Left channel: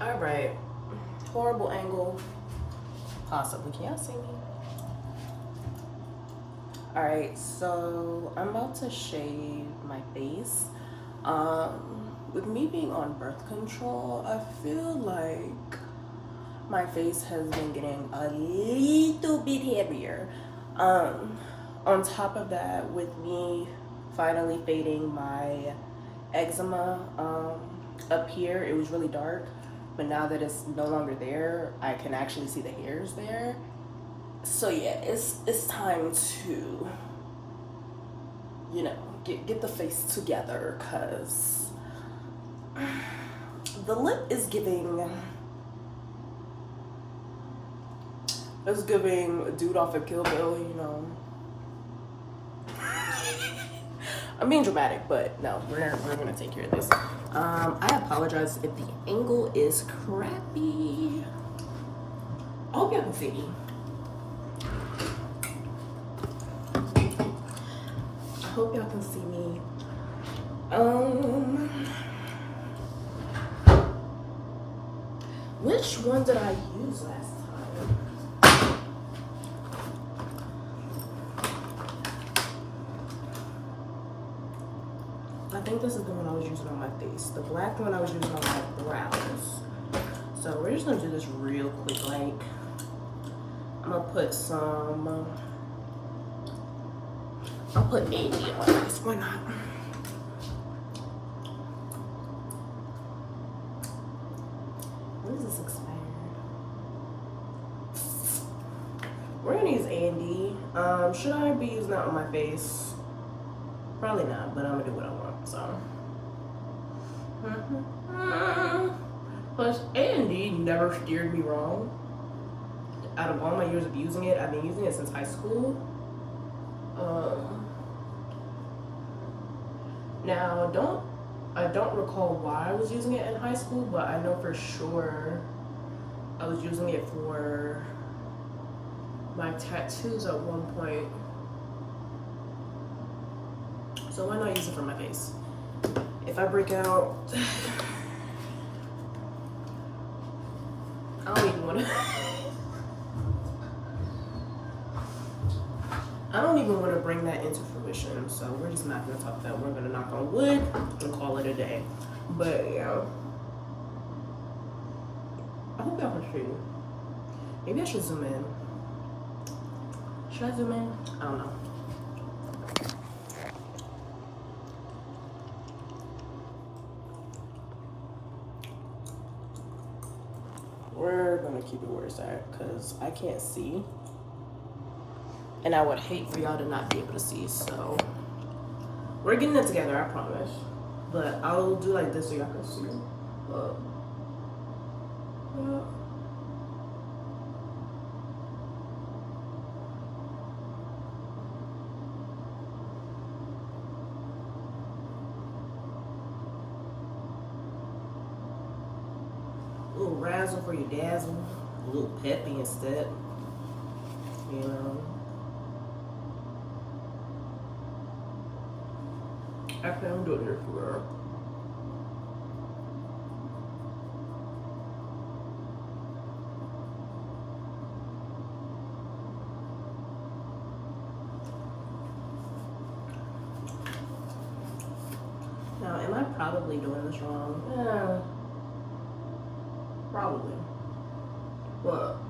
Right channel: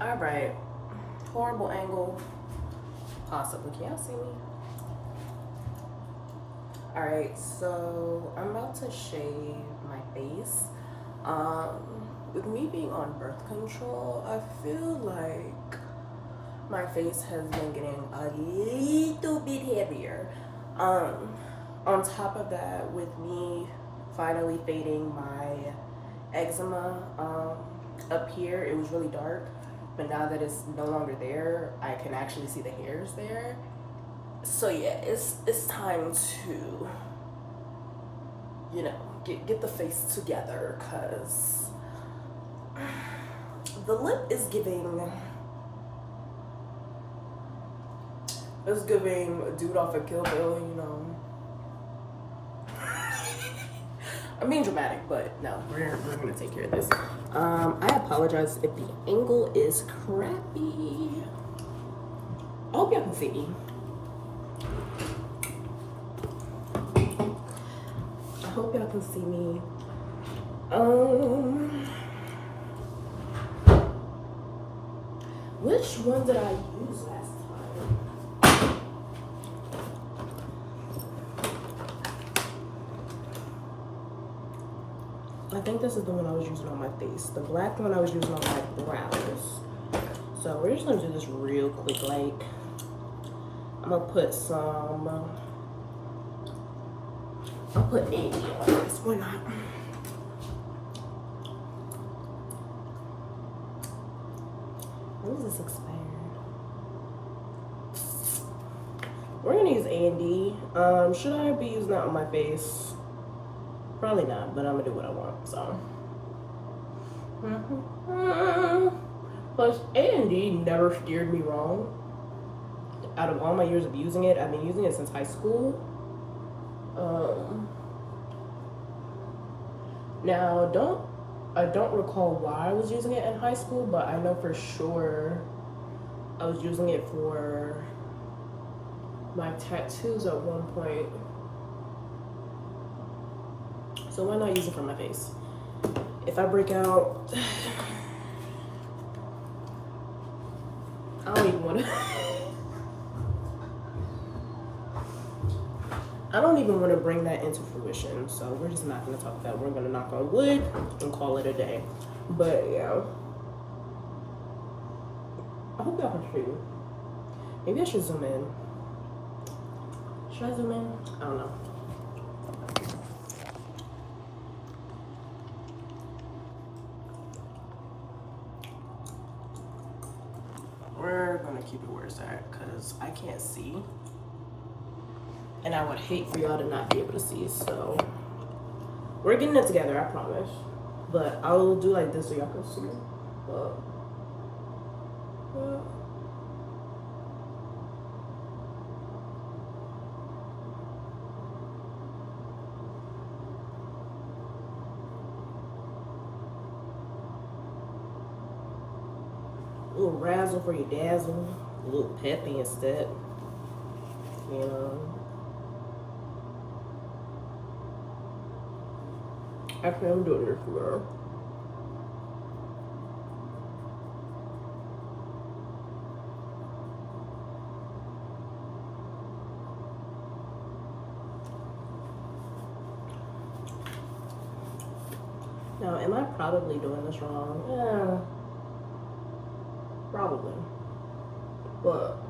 Alright, horrible angle, possibly. Can y'all see me? Alright, so I'm about to shave my face. With me being on birth control, I feel like my face has been getting a little bit heavier. On top of that, with me finally fading my eczema up here, it was really dark, but now that it's no longer there, I can actually see the hairs there. So yeah, it's time to, you know, get the face together, cause the lip is giving. It's giving dude off of Kill Bill, you know. I'm being dramatic, but no, we're gonna take care of this. I apologize if the angle is crappy. I hope y'all can see me. I hope y'all can see me. Which one did I use last time? I think this is the one I was using on my face. The black one I was using on my brows. So we're just gonna do this real quick. Like, I'm gonna put some. I'll put 80 on this. Why not? When is this expired? We're gonna use A&D. Should I be using that on my face? Probably not, but I'm gonna do what I want, so. Plus, A&D never steered me wrong. Out of all my years of using it, I've been using it since high school. Now, I don't recall why I was using it in high school, but I know for sure I was using it for my tattoos at one point. So why not use it for my face? If I break out, I don't even want to. I don't even want to bring that into fruition, so we're just not going to talk about that. We're going to knock on wood and call it a day. But yeah, I hope y'all can see. Maybe I should zoom in. Should I zoom in? I don't know. We're gonna keep it where it's at because I can't see. And I would hate for y'all to not be able to see, so we're getting it together, I promise. But I'll do like this so y'all can see. A little razzle for your dazzle, a little peppy instead, you know. Actually, I'm doing this for now, am I probably doing this wrong? Yeah, probably. But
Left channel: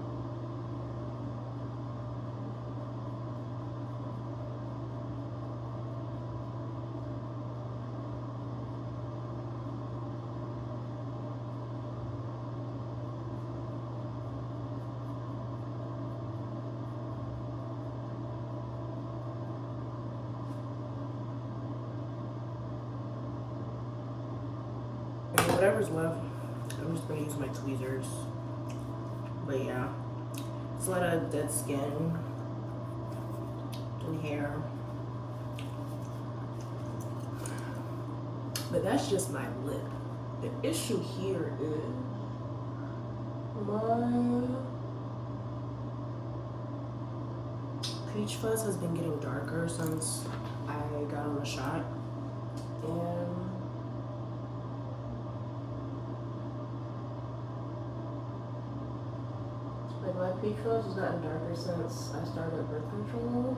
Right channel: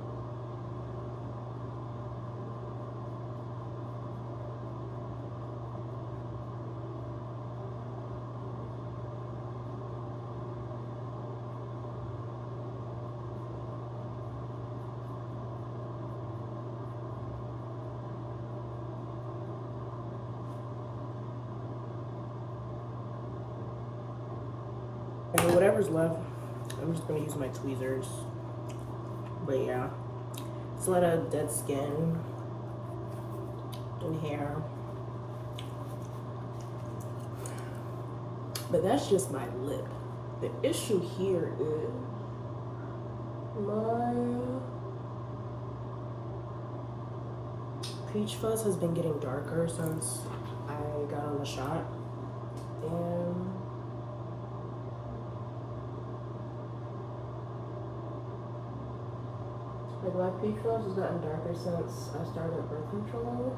And whatever's left, I'm just gonna use my tweezers. But yeah, it's a lot of dead skin and hair. But that's just my lip. The issue here is my peach fuzz has been getting darker since I got on the shot. And like my peach fuzz has gotten darker since I started birth control.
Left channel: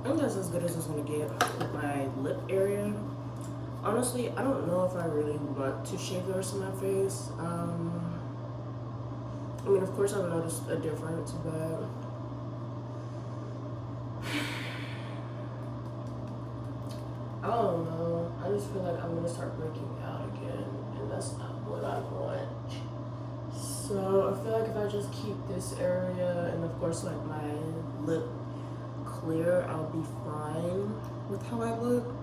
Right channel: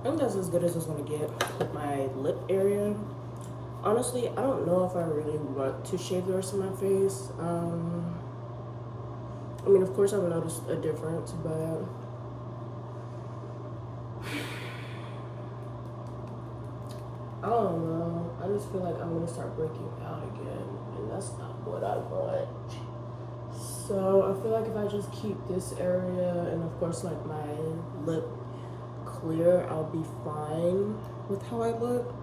I think that's as good as it's gonna get with my lip area. Honestly, I don't know if I really want to shave the rest of my face. I mean, of course I've noticed a difference, but I don't know. I just feel like I'm gonna start breaking out again, and that's not what I want. So I feel like if I just keep this area and of course like my lip clear, I'll be fine with how I look.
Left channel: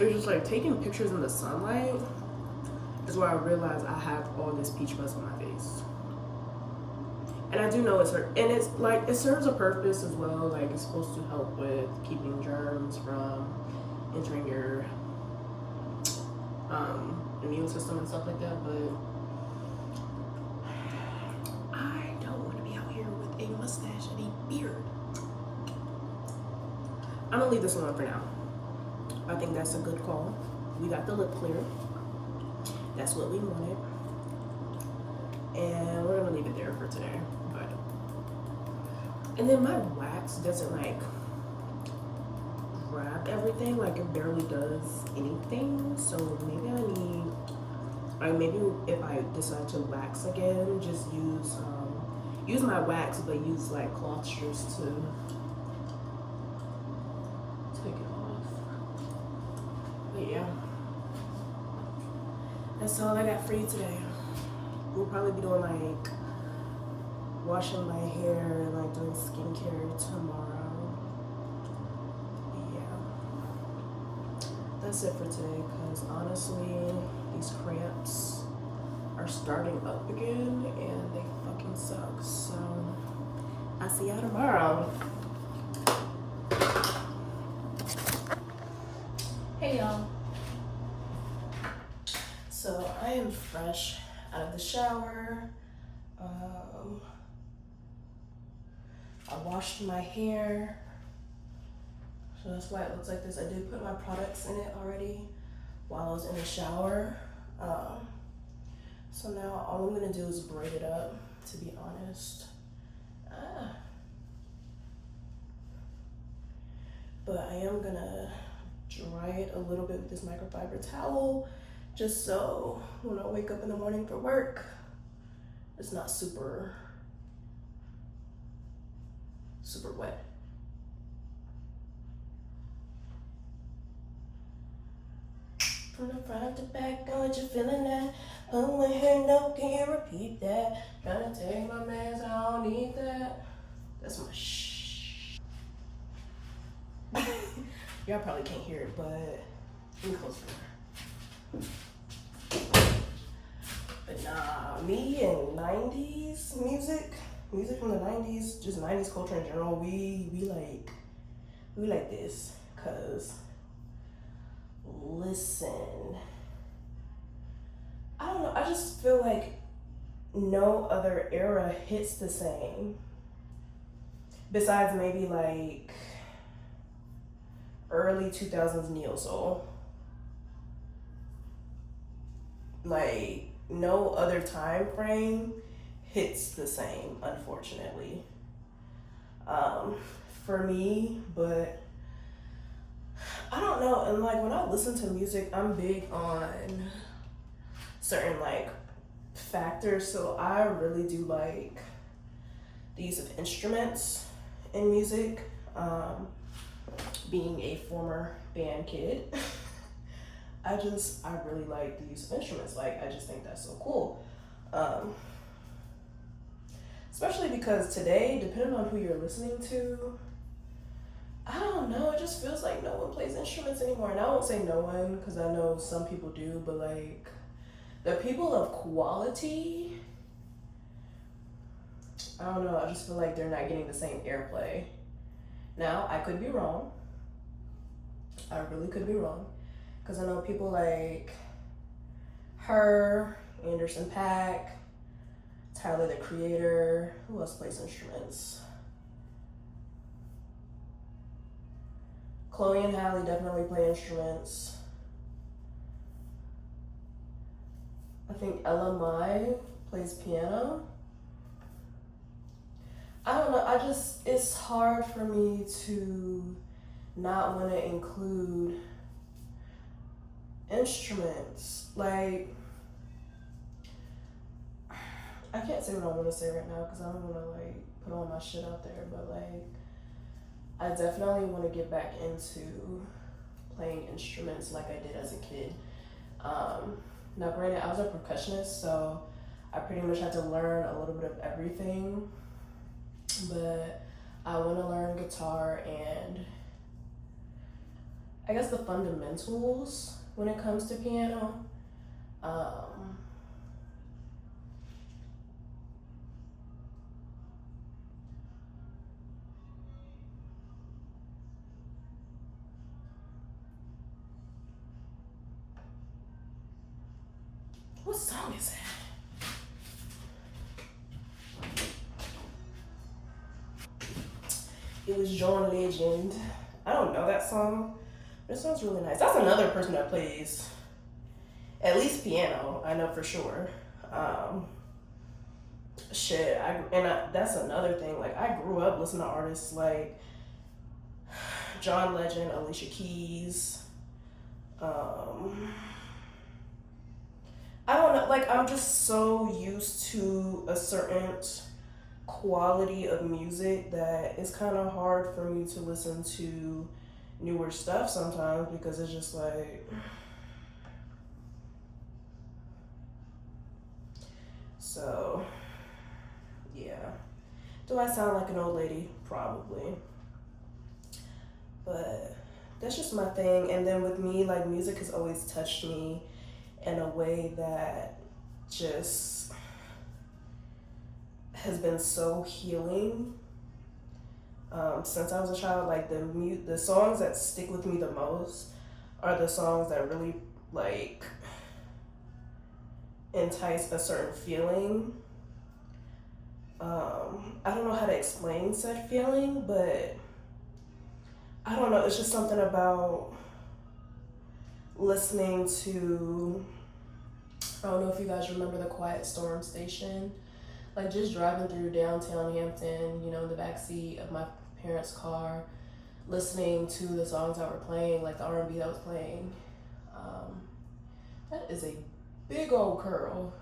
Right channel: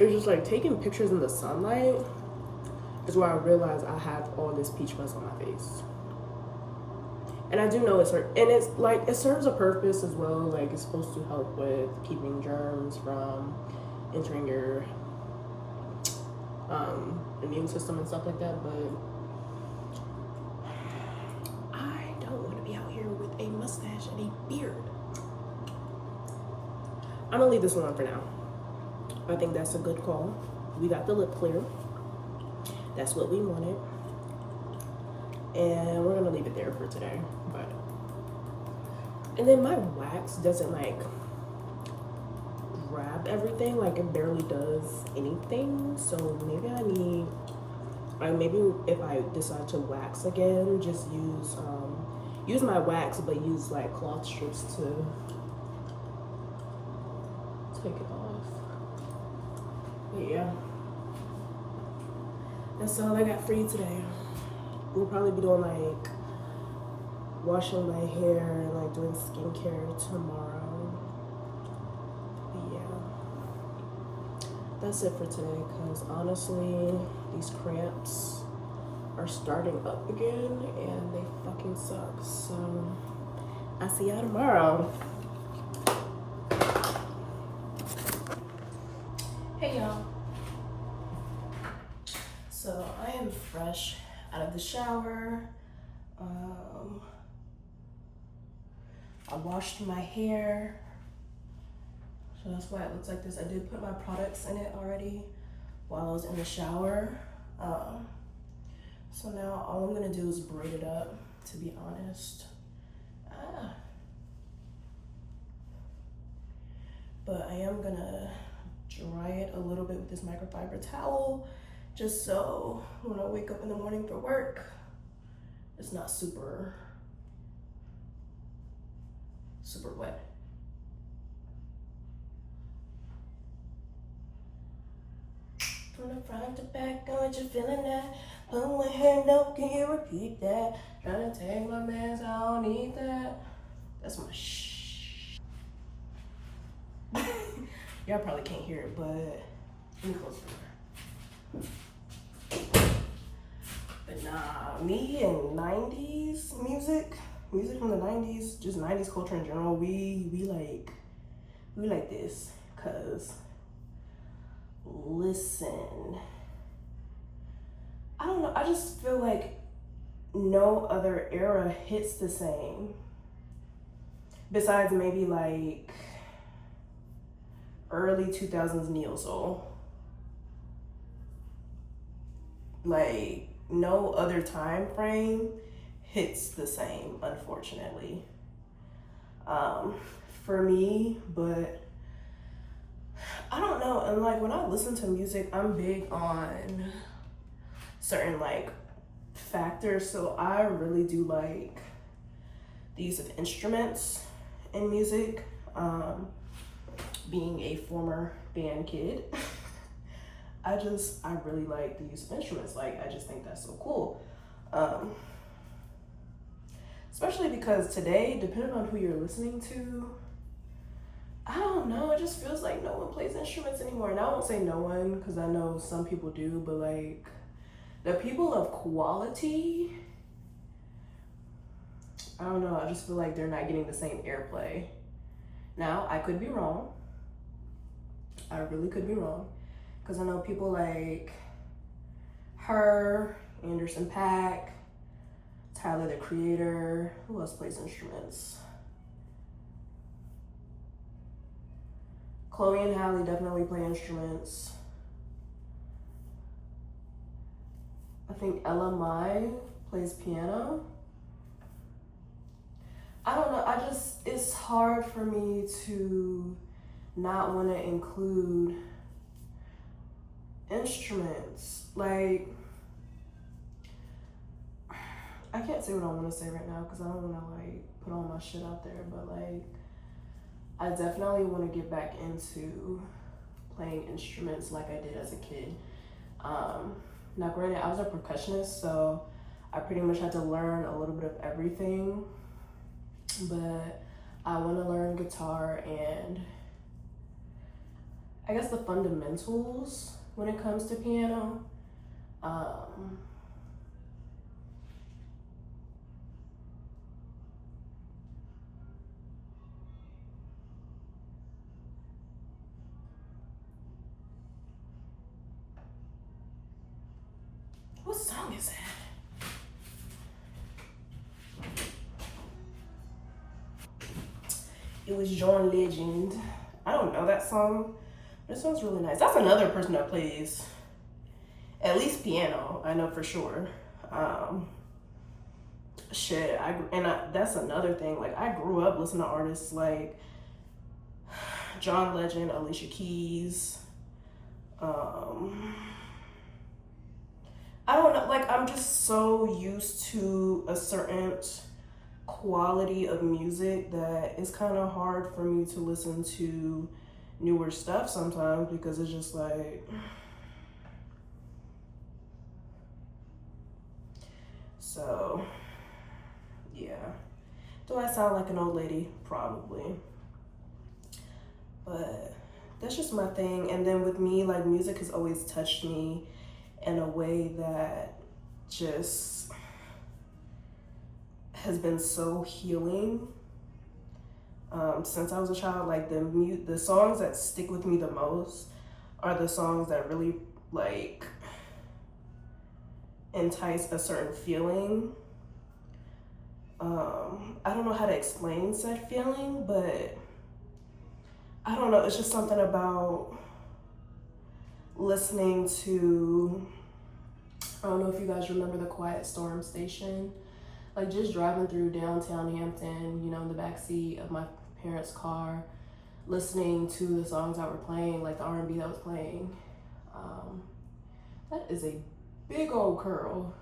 It's just like taking pictures in the sunlight is where I realize I have all this peach fuzz on my face. And I do know it's like it serves a purpose as well. Like it's supposed to help with keeping germs from entering your immune system and stuff like that. But I don't want to be out here with a mustache and a beard. I'm gonna leave this alone for now. I think that's a good call. We got the lip clear. That's what we wanted. And we're gonna leave it there for today. But and then my wax doesn't like grab everything, like it barely does anything. So maybe I need, like maybe if I decide to wax again, just use my wax, but use like cloth strips to take it off. But yeah, that's all I got for you today. We'll probably be doing like washing my hair and like doing skincare tomorrow. But yeah, that's it for today, because honestly these cramps are starting up again and they fucking suck. So I'll see y'all tomorrow. Hey y'all. So I am fresh out of the shower. I washed my hair, so that's why it looks like this. I did put my products in it already while I was in the shower. So now all I'm gonna do is braid it up, to be honest. But I am gonna dry it a little bit with this microfiber towel, just so when I wake up in the morning for work, it's not super wet. From the front to back, I want you feeling that. Put my hair down, can you repeat that? Trying to take my meds, I don't need that. That's my shh. Y'all probably can't hear it, but let me close the door. But nah, me and 90s music from the 90s, just 90s culture in general, we like this, cause listen, I don't know, I just feel like no other era hits the same, besides maybe like early 2000s neo soul. Like no other time frame hits the same, unfortunately, for me. But I don't know, and like when I listen to music, I'm big on certain like factors, so I really do like the use of instruments in music. Being a former band kid, I really like the use of instruments. Like I just think that's so cool. Especially because today, depending on who you're listening to, I don't know. It just feels like no one plays instruments anymore. And I won't say no one because I know some people do, but like the people of quality, I don't know. I just feel like they're not getting the same airplay. Now, I could be wrong. I really could be wrong. Because I know people like her, Anderson .Paak, Tyler the Creator. Who else plays instruments? Chloe and Halle definitely play instruments. I think Ella Mai plays piano. I don't know. It's hard for me to not want to include instruments. Like, I can't say what I want to say right now because I don't want to like put all my shit out there, but like, I definitely want to get back into playing instruments like I did as a kid. Now, granted, I was a percussionist, so I pretty much had to learn a little bit of everything, but I want to learn guitar and I guess the fundamentals when it comes to piano. What song is it? It was John Legend. I don't know that song. But it sounds really nice. That's another person that plays at least piano. I know for sure. That's another thing. Like I grew up listening to artists like John Legend, Alicia Keys. I don't know. Like I'm just so used to a certain quality of music that it's kind of hard for me to listen to newer stuff sometimes because it's just like so yeah. Do I sound like an old lady? Probably. But that's just my thing. And then with me, like music has always touched me in a way that just has been so healing. Since I was a child, like the songs that stick with me the most are the songs that really like entice a certain feeling. I don't know how to explain said feeling, but I don't know. It's just something about listening to. I don't know if you guys remember the Quiet Storm station. Like just driving through downtown Hampton, you know, in the backseat of my parents' car, listening to the songs that were playing, like the R&B that was playing. That is a big old curl.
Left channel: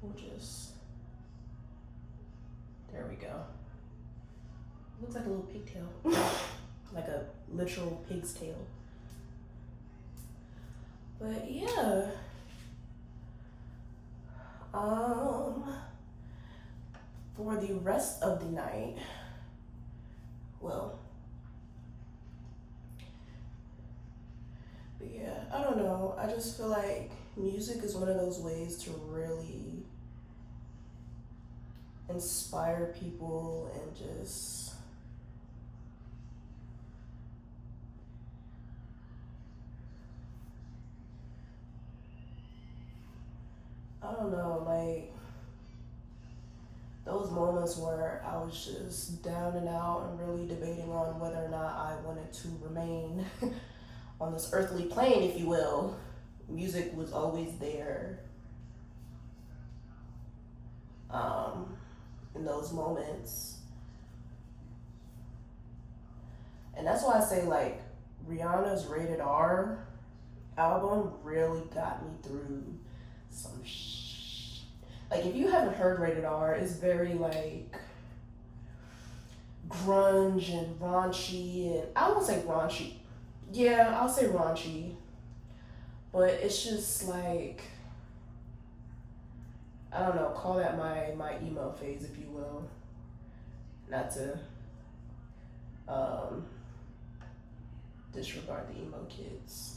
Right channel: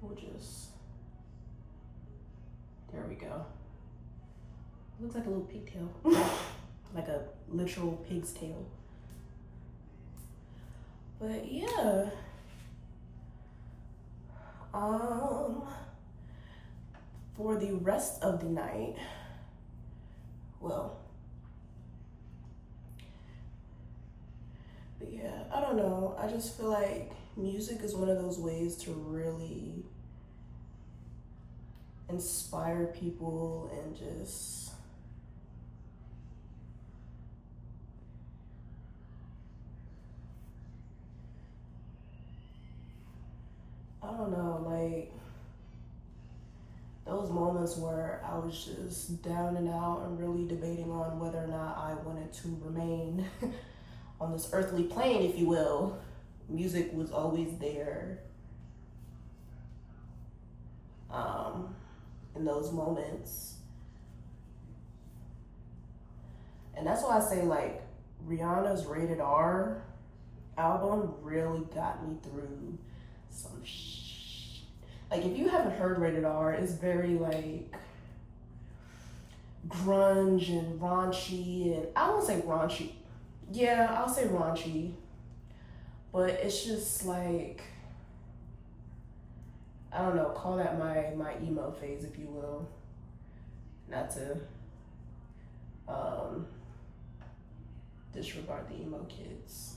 We'll just, there we go. Looks like a little pigtail, like a literal pig's tail. But yeah. For the rest of the night, well, but yeah, I don't know. I just feel like music is one of those ways to really inspire people and just I don't know, like those moments where I was just down and out and really debating on whether or not I wanted to remain on this earthly plane, if you will. Music was always there in those moments. And that's why I say like Rihanna's Rated R album really got me through some like if you haven't heard Rated R, it's very like grunge and raunchy, and I won't say raunchy. Yeah, I'll say raunchy. But it's just like I don't know, call that my emo phase if you will. Not to um, disregard the emo kids.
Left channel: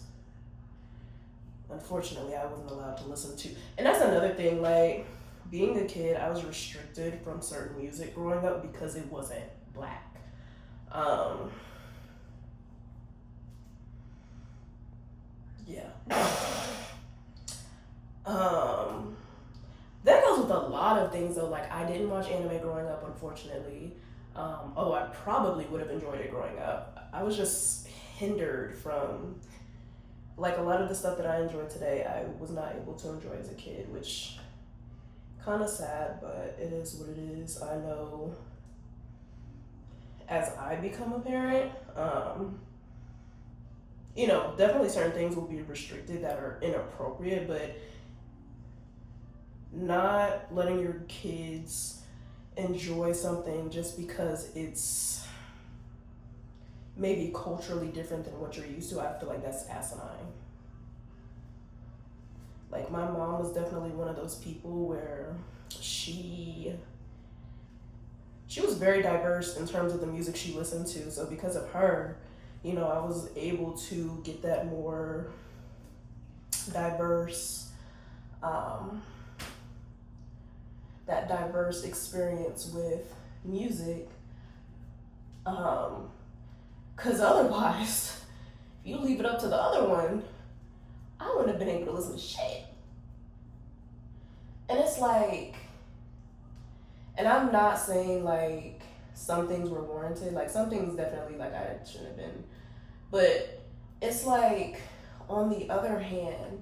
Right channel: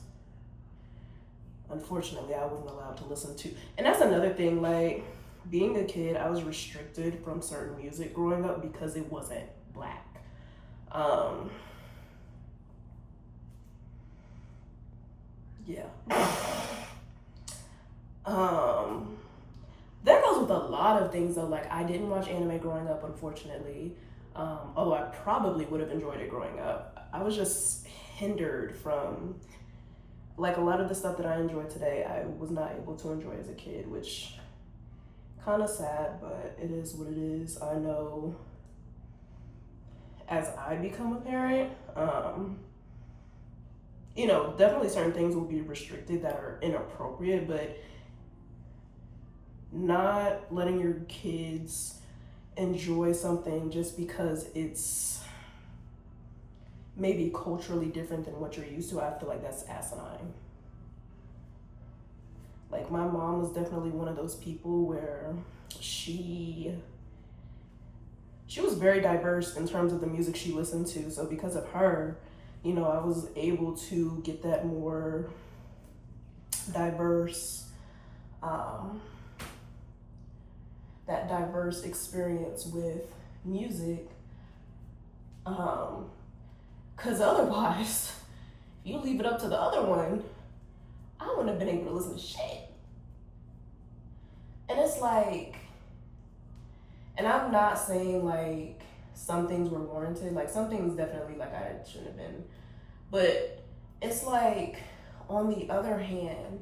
Unfortunately, I wasn't allowed to listen to, and that's another thing, like, being a kid, I was restricted from certain music growing up because it wasn't black. Um, yeah. Um, that goes with a lot of things though. Like, I didn't watch anime growing up, unfortunately. Although I probably would have enjoyed it growing up. I was just hindered from, like, a lot of the stuff that I enjoy today, I was not able to enjoy as a kid, which kind of sad, but it is what it is. I know as I become a parent, definitely certain things will be restricted that are inappropriate, but not letting your kids enjoy something just because it's maybe culturally different than what you're used to, I feel like that's asinine. Like, my mom was definitely one of those people where she was very diverse in terms of the music she listened to. So because of her, I was able to get that more diverse, that diverse experience with music. Because otherwise, if you leave it up to the other one, I wouldn't have been able to listen to shit. And it's like, and I'm not saying like some things were warranted, like some things definitely like I shouldn't have been, but it's like, on the other hand,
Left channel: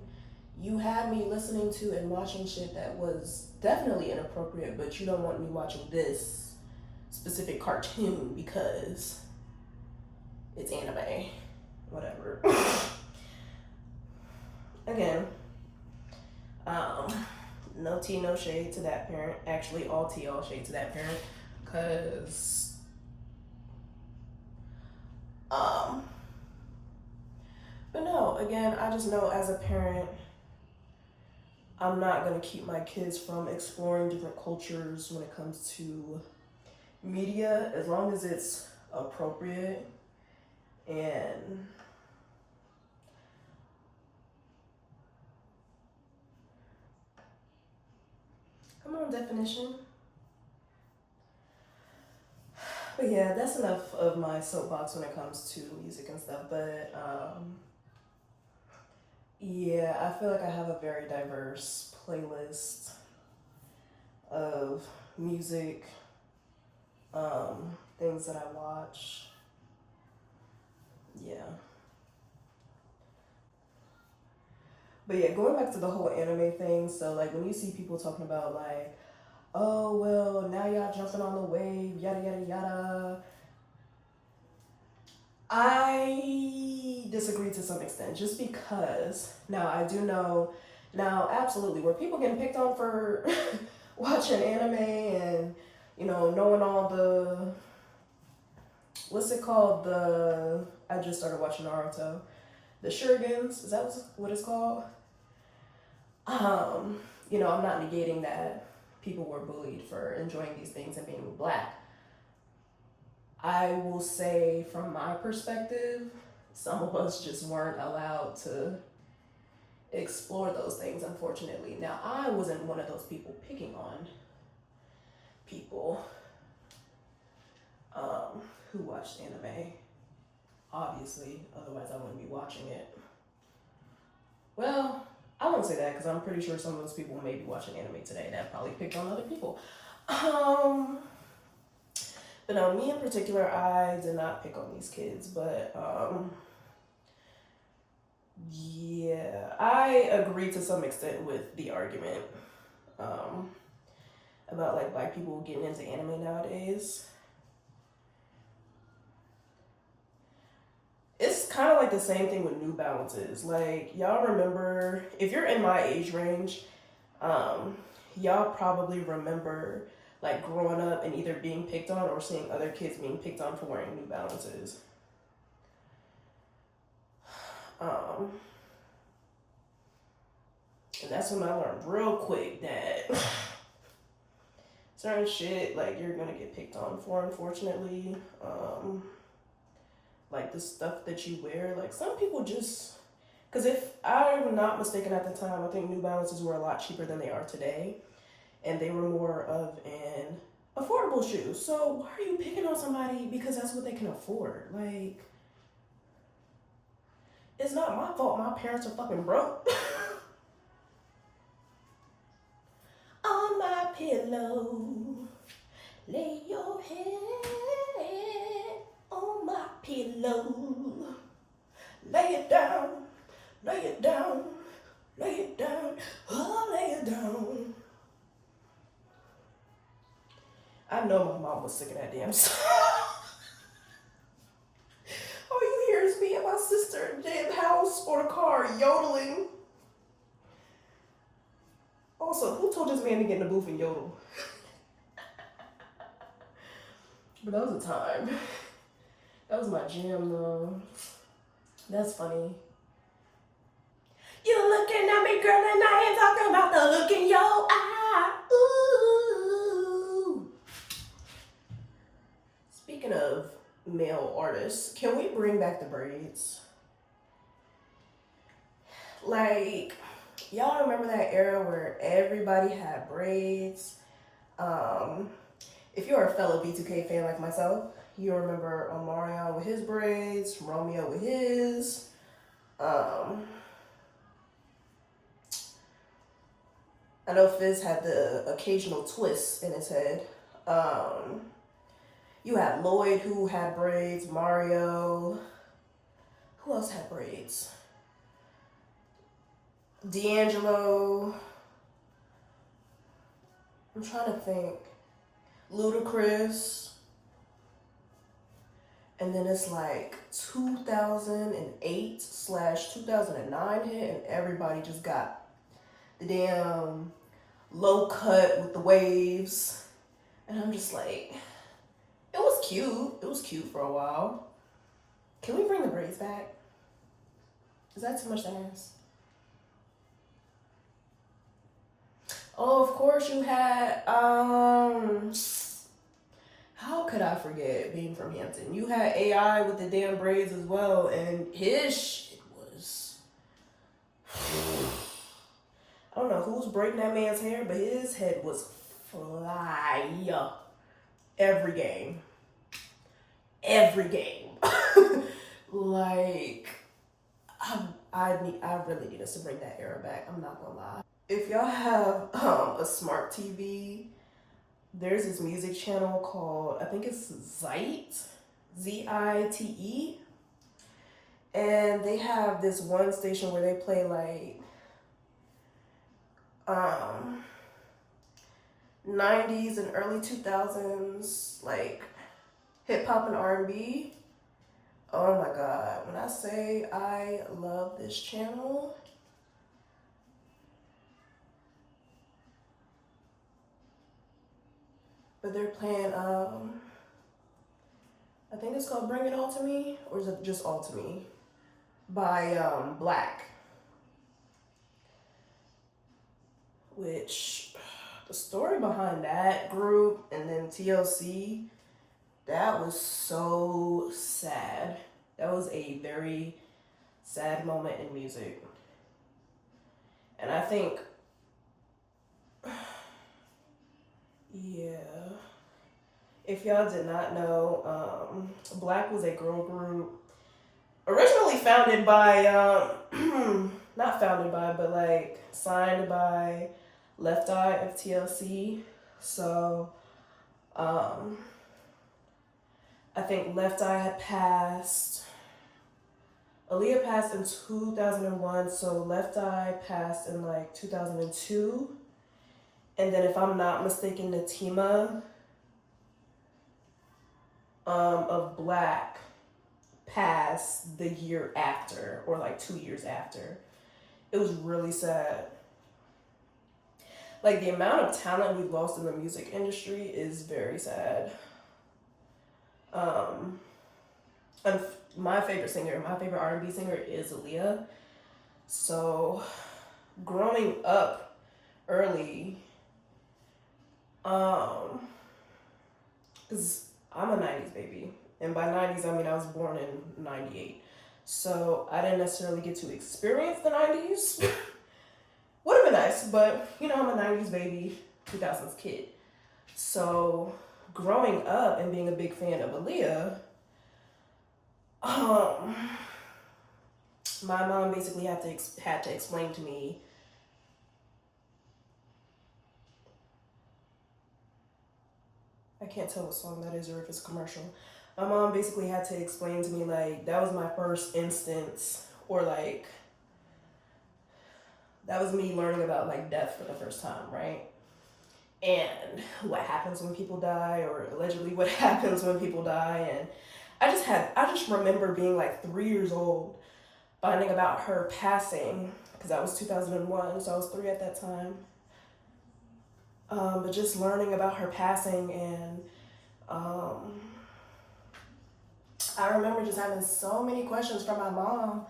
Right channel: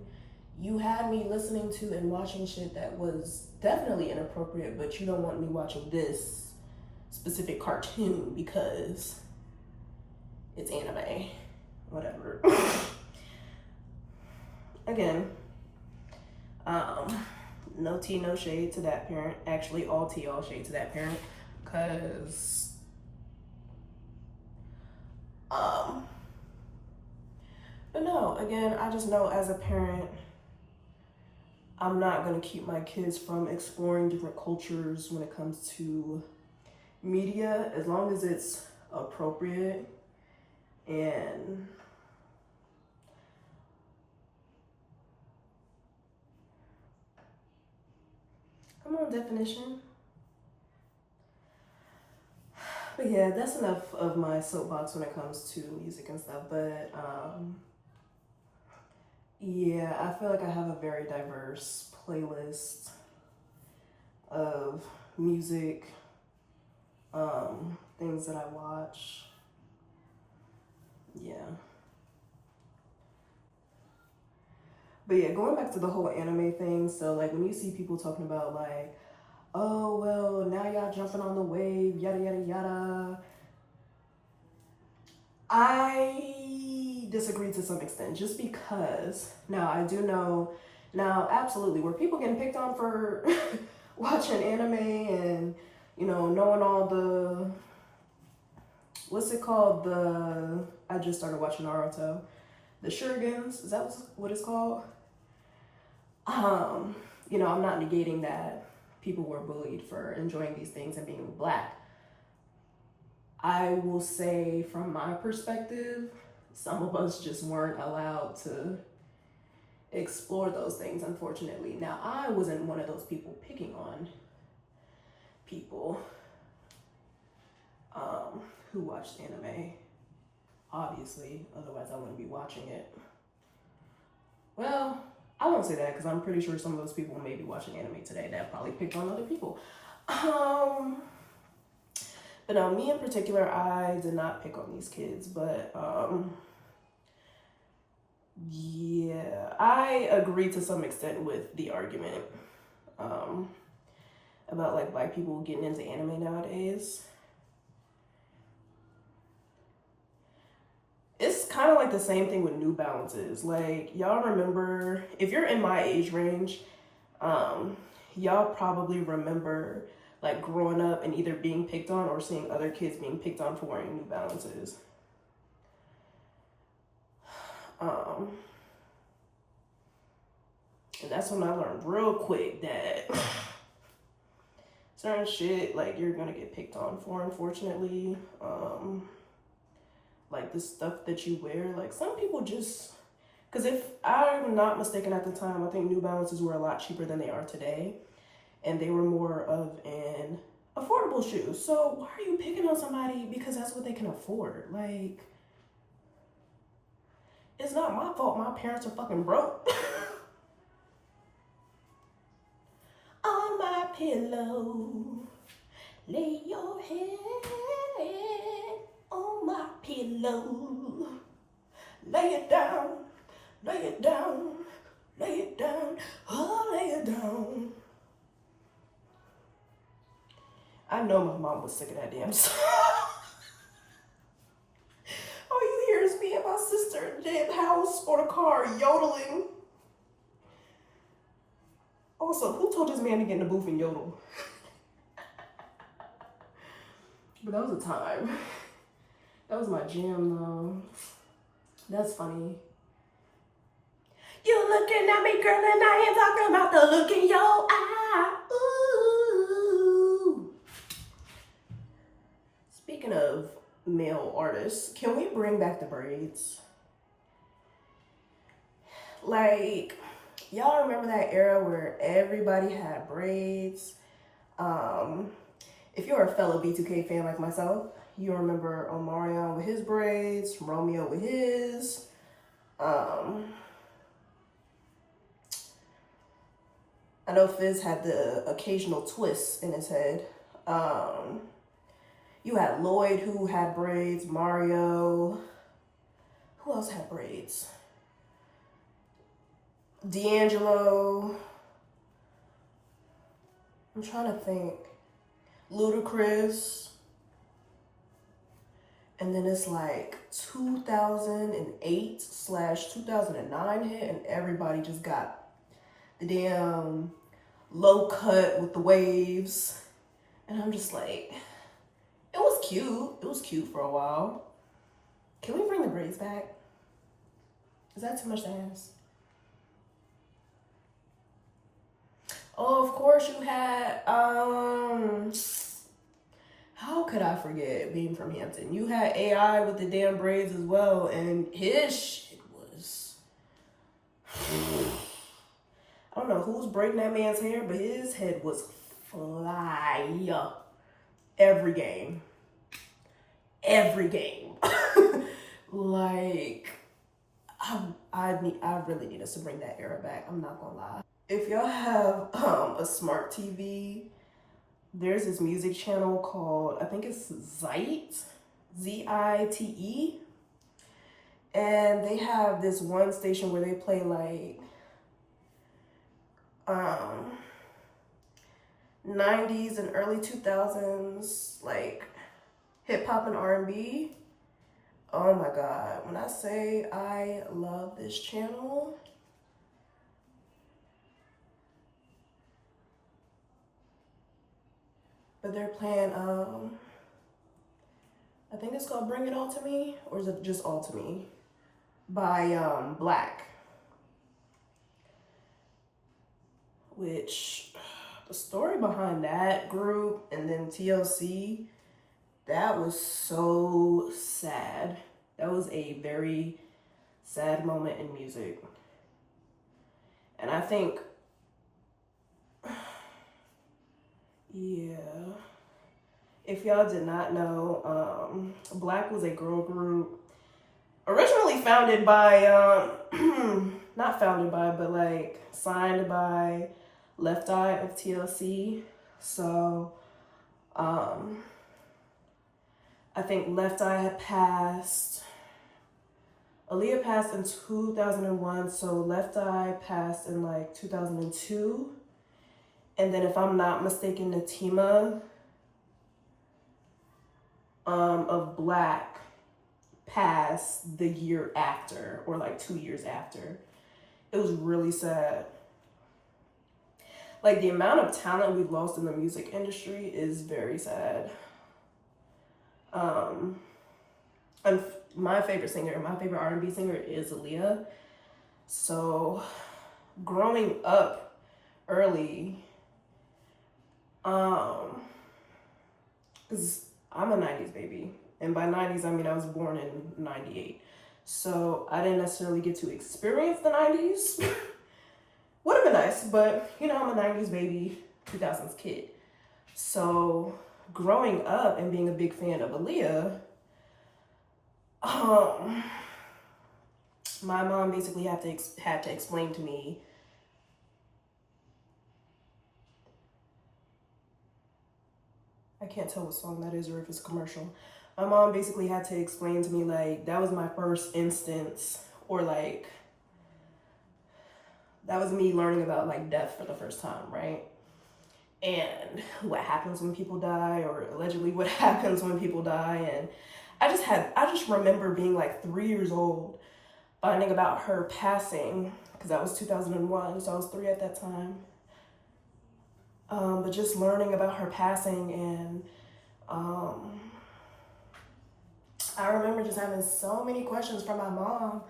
you had me listening to and watching shit that was definitely inappropriate, but you don't want me watching this specific cartoon because it's anime, whatever. Again, no tea, no shade to that parent. Actually, all tea, all shade to that parent, because but no, again, I just know as a parent, I'm not gonna keep my kids from exploring different cultures when it comes to media, as long as it's appropriate. And come on, definition. But yeah, that's enough of my soapbox when it comes to music and stuff. But yeah, I feel like I have a very diverse playlist of music, things that I watch. Yeah. But yeah, going back to the whole anime thing, so like when you see people talking about like, oh well, now y'all jumping on the wave, yada yada yada, I disagree to some extent, just because now I do know, now absolutely, were people getting picked on for watching anime and knowing all the, what's it called, I just started watching Naruto, the shurikens, is that what it's called? I'm not negating that people were bullied for enjoying these things and being black. I will say, from my perspective, some of us just weren't allowed to explore those things, unfortunately. Now, I wasn't one of those people picking on people who watched anime, obviously, otherwise I wouldn't be watching it. Well, I won't say that because I'm pretty sure some of those people may be watching anime today that probably picked on other people. But no, me in particular, I did not pick on these kids, but yeah, I agree to some extent with the argument about like black people getting into anime nowadays. It's kind of like the same thing with New Balances. Like, y'all remember, if you're in my age range, y'all probably remember like growing up and either being picked on or seeing other kids being picked on for wearing New Balances. And that's when I learned real quick that certain shit, like, you're gonna get picked on for, unfortunately. like the stuff that you wear. Like some people just, because if I'm not mistaken at the time, I think New Balances were a lot cheaper than they are today, and they were more of an affordable shoe. So why are you picking on somebody because that's what they can afford? Like, it's not my fault my parents are fucking broke. On my pillow, lay your head on my pillow. Lay it down, lay it down, lay it down, oh, lay it down. I know my mom was sick of that damn song. All you hear is me and my sister in the damn house or the car yodeling. Also, who told this man to get in the booth and yodel? But that was a time. That was my jam though. That's funny. You looking at me, girl, and I ain't talking about the look in your eye. Ooh. Speaking of male artists, can we bring back the braids? Like, y'all remember that era where everybody had braids? If you're a fellow B2K fan like myself, you'll remember Omarion with his braids, Romeo with his. I know Fizz had the occasional twist in his head. You had Lloyd who had braids, Mario. Who else had braids? D'Angelo. I'm trying to think. Ludacris. And then it's like 2008/2009 hit, and everybody just got the damn low cut with the waves. And I'm just like, it was cute. It was cute for a while. Can we bring the braids back? Is that too much to ask? Oh, of course you had, how could I forget being from Hampton? You had AI with the damn braids as well, and his shit was, I don't know who's braiding that man's hair, but his head was fly every game. Every game. Like, I really need us to bring that era back. I'm not gonna lie. If y'all have a smart TV, there's this music channel called, I think it's Zite, Zite, and they have this one station where they play like 90s and early 2000s like hip hop and R&B. Oh my god, when I say I love this channel, but they're playing I think it's called Bring It All to Me, or is it just All to Me by Black, which the story behind that group and then TLC, that was so sad. That was a very sad moment in music. And I think, yeah, if y'all did not know, Black was a girl group originally founded by, not founded by, but like signed by Left Eye of TLC. So, I think Left Eye had passed. Aaliyah passed in 2001, so Left Eye passed in like 2002. And then if I'm not mistaken, Natima of Black passed the year after, or like 2 years after. It was really sad. Like, the amount of talent we've lost in the music industry is very sad. And my favorite singer, my favorite R&B singer is Aaliyah. So growing up early, because I'm a 90s baby, And by 90s, I mean I was born in 98. So I didn't necessarily get to experience the 90s. Would have been nice, but you know, I'm a 90s baby, 2000s kid. So growing up and being a big fan of Aaliyah, my mom basically had to explain to me. I can't tell what song that is or if it's a commercial. My mom basically had to explain to me, like, that was my first instance, or like, that was me learning about like death for the first time, right? And what happens when people die, or allegedly what happens when people die. And I just remember being like 3 years old, finding about her passing, because that was 2001, so I was 3 at that time. But just learning about her passing, and I remember just having so many questions from my mom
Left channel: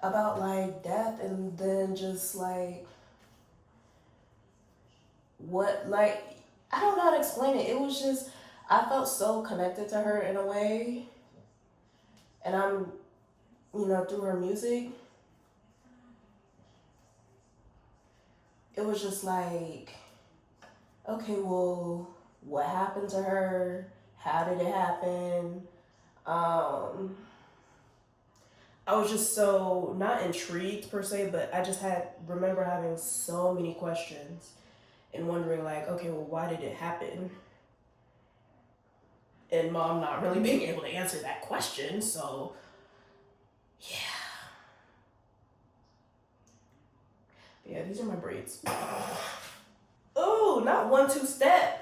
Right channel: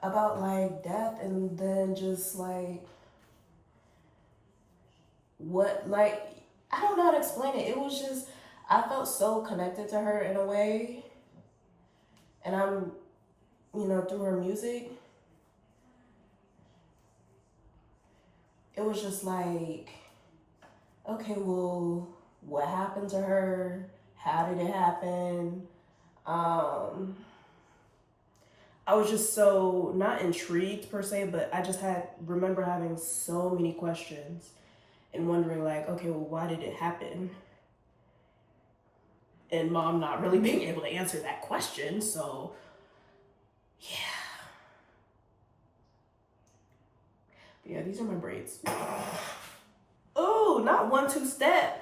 about like death, and then just like what, like, I don't know how to explain it. It was just, I felt so connected to her in a way, and I'm, you know, through her music, it was just like, okay, well, what happened to her? How did it happen? I was just so, not intrigued per se, but I just remember having so many questions and wondering like, okay, well, why did it happen? And mom not really being able to answer that question, so yeah. Yeah, these are my braids. Oh, not 1-2 step.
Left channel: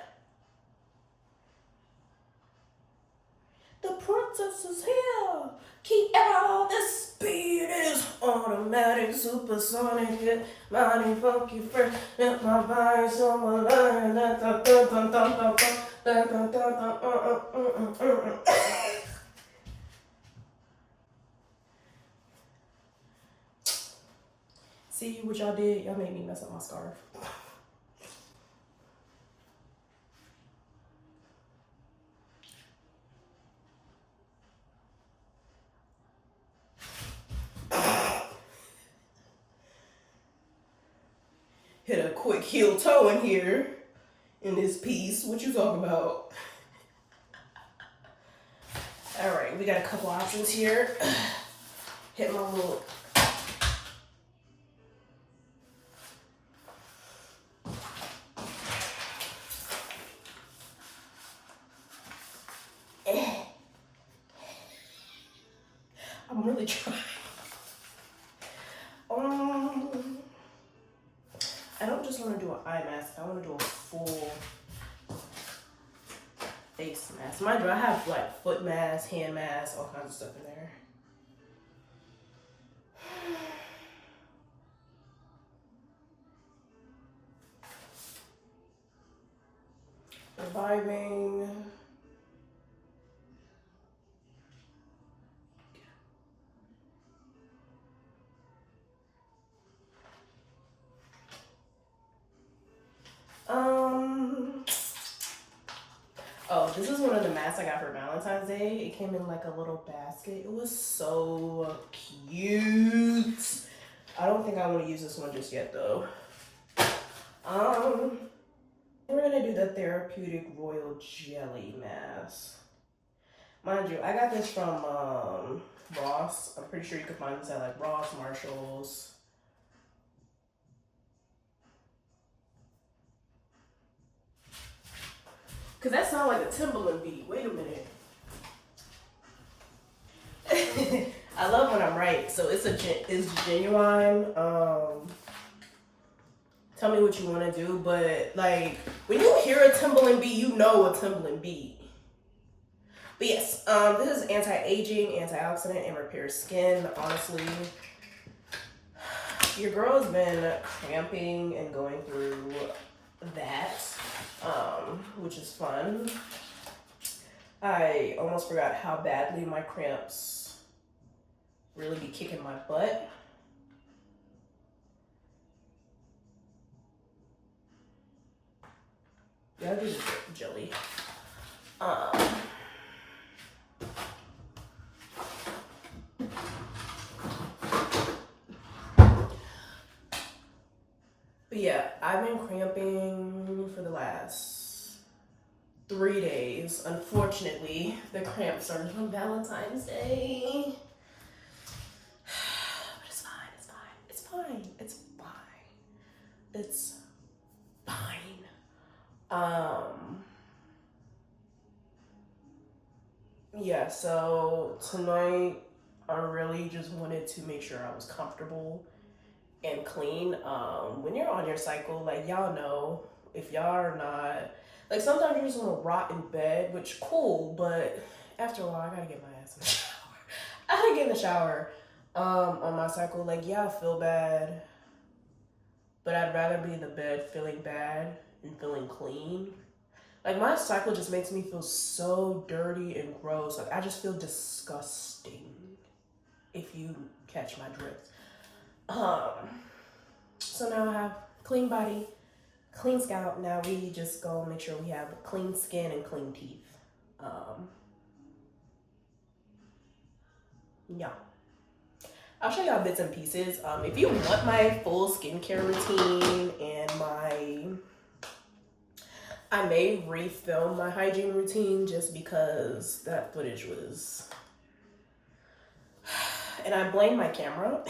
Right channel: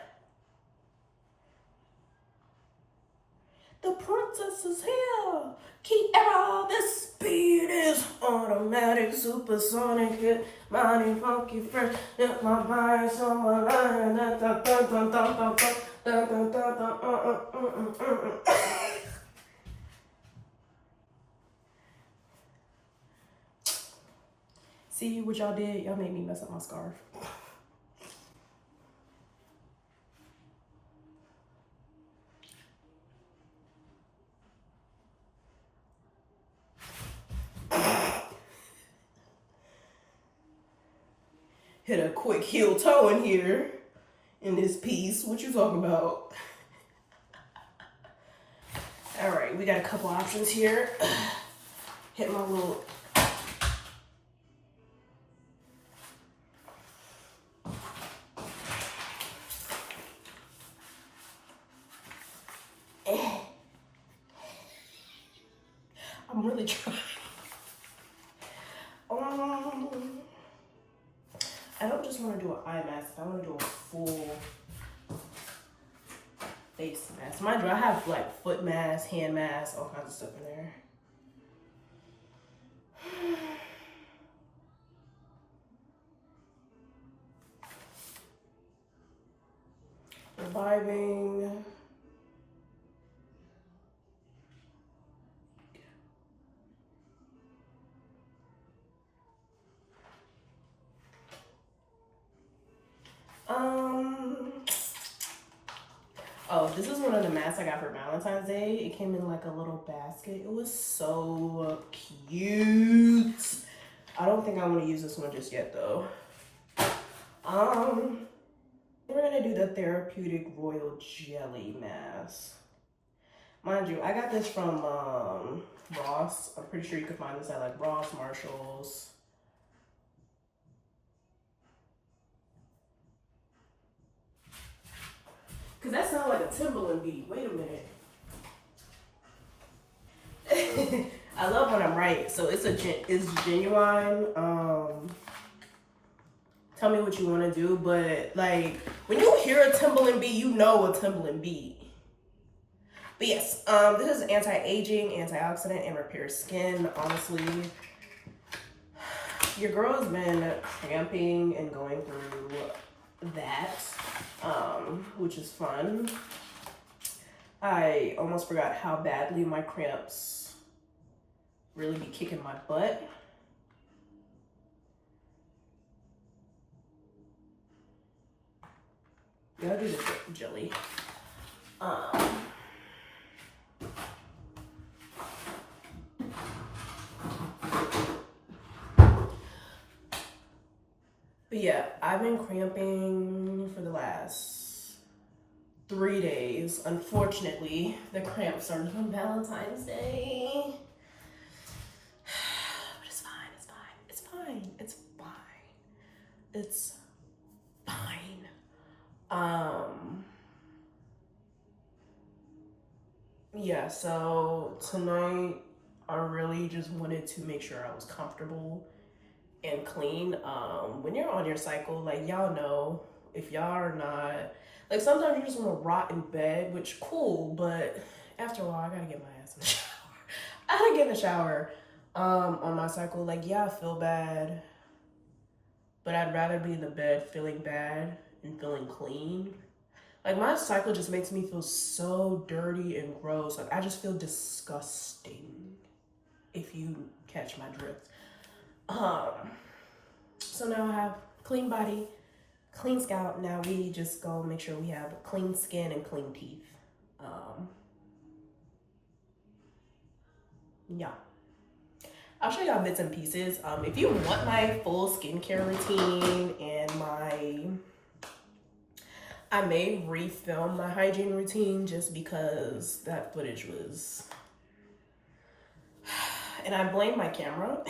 The princess is here. Keep all this speed is automatic, supersonic, hit mighty funky fresh, hit my mind, so my line, See what y'all did? Y'all made me mess up my scarf. Hit a quick heel toe in here in this piece. What you talking about? All right, we got a couple options here. Hit my little. I'm really trying. I don't just want to do an eye mask. I want to do a full face mask. Mind you, I have like foot mask, hand mask, all kinds of stuff in there. Reviving. Oh, this is one of the masks I got for Valentine's Day. It came in like a little basket. It was so cute. I don't think I want to use this one just yet though. We're gonna do the Therapeutic Royal Jelly mask. Mind you, I got this from Ross. I'm pretty sure you can find this at like Ross, Marshalls. Cause that sounds like a Timberland beat. Wait a minute. I love when I'm right. So it's genuine. Tell me what you want to do, but like when you hear a Timberland beat, you know a Timberland beat. But yes, this is anti-aging, antioxidant, and repairs skin. Honestly, your girl has been cramping and going through that, which is fun. I almost forgot how badly my cramps really be kicking my butt. Yeah, I do the jelly. yeah, I've been cramping for the last 3 days. Unfortunately, the cramp started on Valentine's Day. But it's fine, it's fine, it's fine, it's fine. It's fine. Yeah, so tonight I really just wanted to make sure I was comfortable and clean. When you're on your cycle, like y'all know, if y'all are not, like sometimes you just want to rot in bed, which cool, but after a while I gotta get my ass in the shower. I gotta get in the shower on my cycle. Like, yeah, I feel bad, but I'd rather be in the bed feeling bad and feeling clean. Like my cycle just makes me feel so dirty and gross. Like I just feel disgusting, if you catch my drift. So now I have clean body, clean scalp. Now we just go make sure we have clean skin and clean teeth. Yeah. I'll show y'all bits and pieces. If you want my full skincare routine and I may refilm my hygiene routine just because that footage was, and I blame my camera.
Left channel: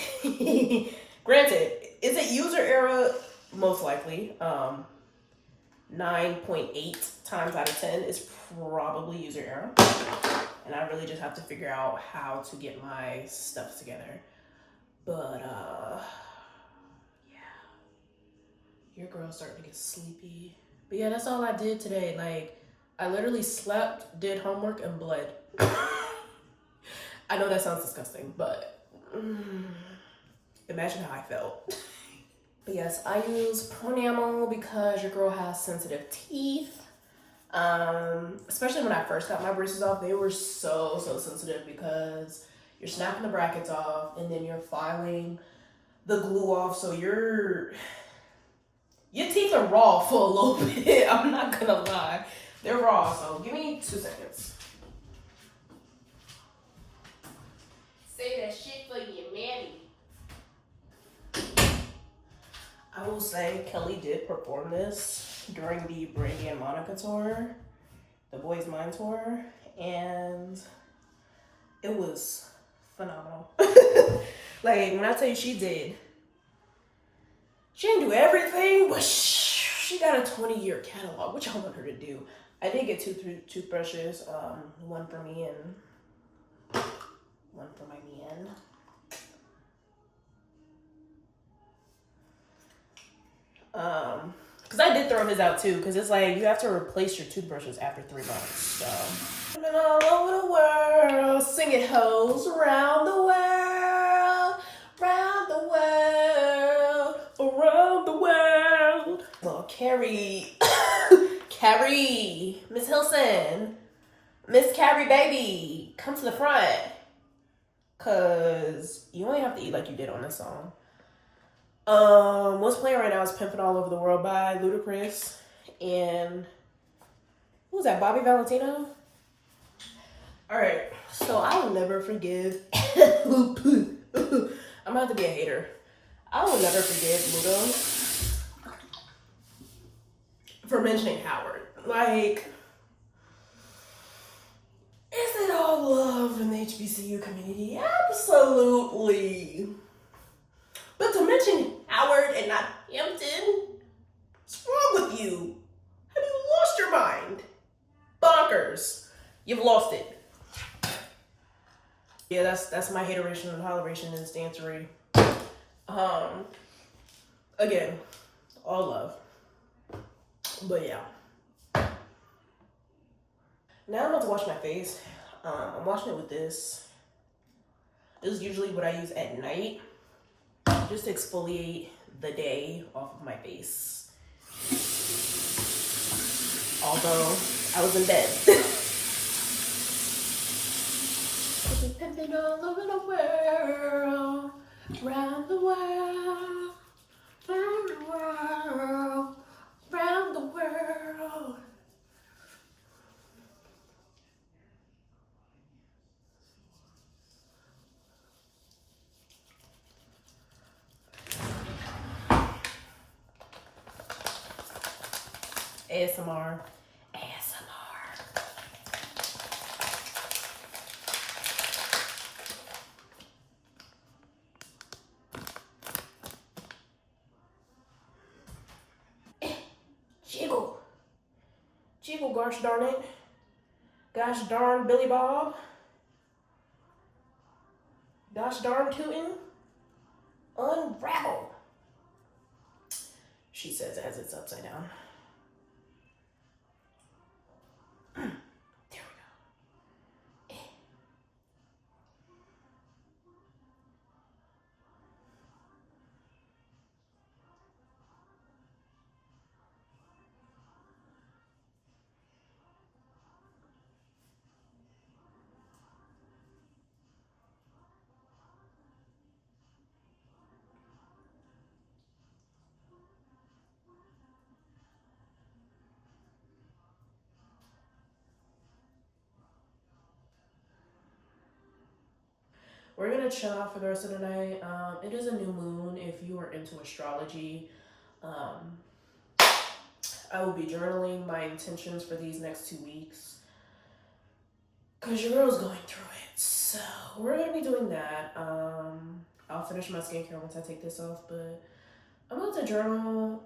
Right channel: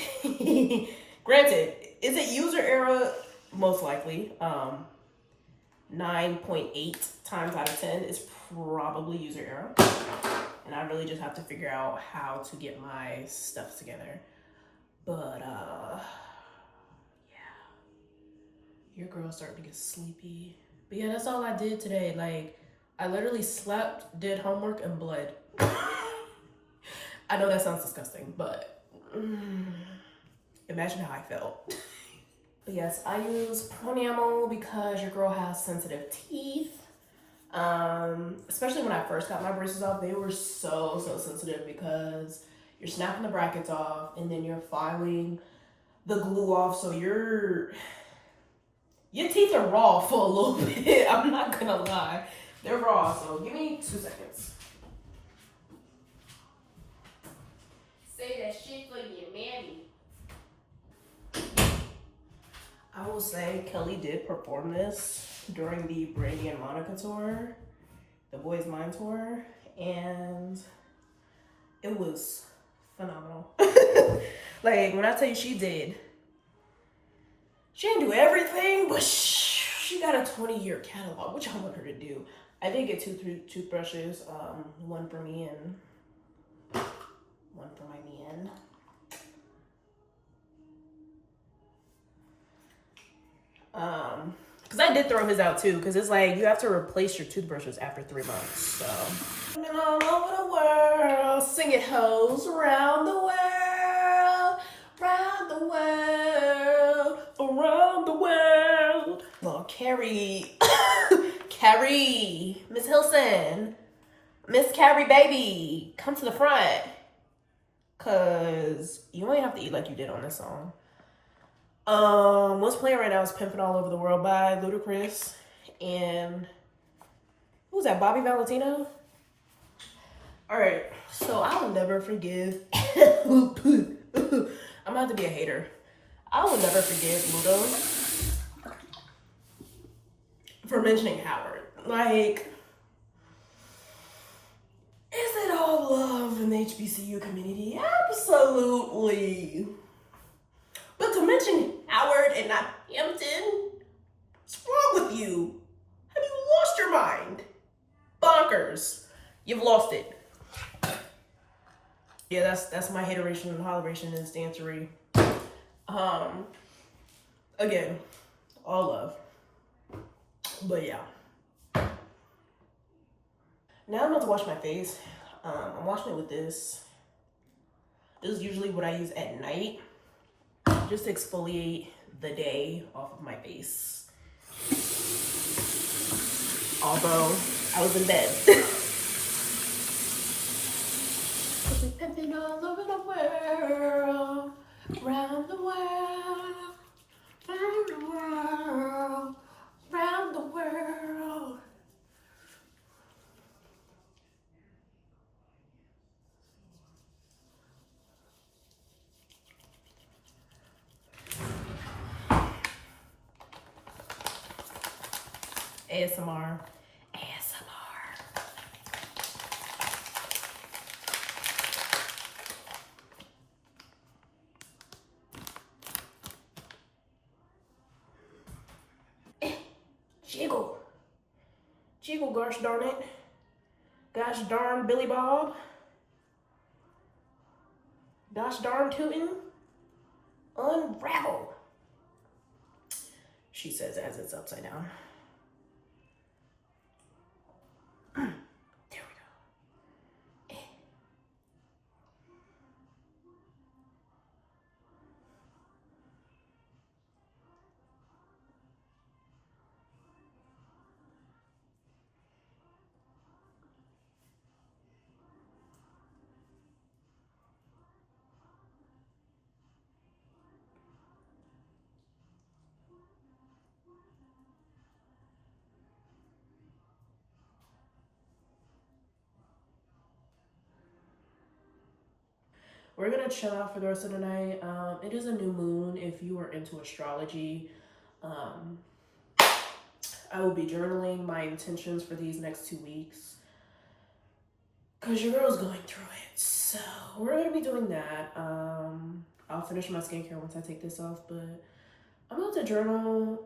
Granted, is it user error? Most likely. 9.8 times out of 10 is probably user error. And I really just have to figure out how to get my stuff together. But, yeah. Your girl's starting to get sleepy. But yeah, that's all I did today. Like, I literally slept, did homework, and bled. I know that sounds disgusting, but imagine how I felt. But yes, I use Pronamel because your girl has sensitive teeth. Especially when I first got my braces off, they were so sensitive because you're snapping the brackets off and then you're filing the glue off. So your teeth are raw for a little bit. I'm not gonna lie. They're raw, so give me 2 seconds. Say that shit for your mammy. I will say Kelly did perform this during the Brandy and Monica tour, the Boys Mind tour, and it was phenomenal. Like, when I tell you she didn't do everything, but she got a 20-year catalog, which I want her to do. I did get 2 toothbrushes, one for me and one for my man. Because I did throw his out too, because it's like you have to replace your toothbrushes after 3 months. So I've been all over the world, singing hoes around the world, around the world, around the world. Well, Carrie, Carrie, Miss Hilson, Miss Carrie baby, come to the front, cause you only have to eat like you did on this song. What's playing right now is Pimpin' All Over the World by Ludacris. And who's that, Bobby Valentino? Alright, so I will never forgive I'm about to be a hater. I will never forgive Ludo for mentioning Howard. Like, is it all love in the HBCU community? Absolutely. But to mention Howard and not Hampton, what's wrong with you? Have you lost your mind? Bonkers. You've lost it. Yeah, that's my hateration and holleration and stancery. Again, all love. But yeah. Now I'm about to wash my face. I'm washing it with this. This is usually what I use at night, just to exfoliate the day off of my face. Although I was in bed. Cause we pimping all over the world, round the world, round the world, round the world. ASMR. ASMR. Jiggle. Jiggle, gosh darn it. Gosh darn Billy Bob. Gosh darn tootin'. Unravel. She says as it's upside down. There we go. We're gonna chill out for the rest of the night. It is a new moon. If you are into astrology, um, I will be journaling my intentions for these next 2 weeks because your girl's going through it. So we're gonna be doing that. I'll finish my skincare once I take this off, but I'm about to journal.